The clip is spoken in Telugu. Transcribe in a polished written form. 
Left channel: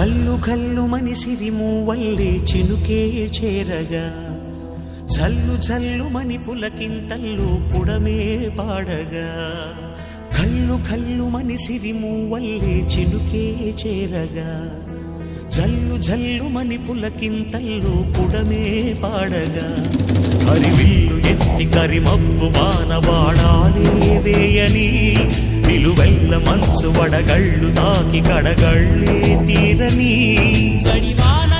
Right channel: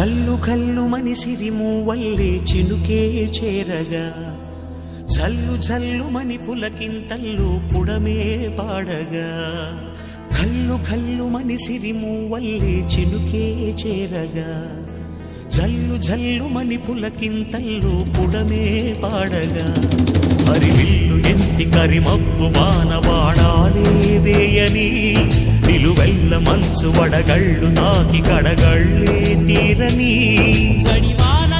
కల్లు కల్లు మని సిరిమూవల్లే చినుకే చేరగా జల్లు జల్లు మని పులకింతల్లు పుడమే పాడగా కల్లు కల్లు మని సిరిమూవల్లే చినుకే చేరగా జల్లు జల్లు మని పులకింతల్లు పుడమే పాడగా హరివిల్లు ఎత్తి కరిమబ్బు వానవాడాలే వేయని నిలువెల్ల మంచు వడగళ్ళు తాకి కడగళ్ళే తీరని జడివాన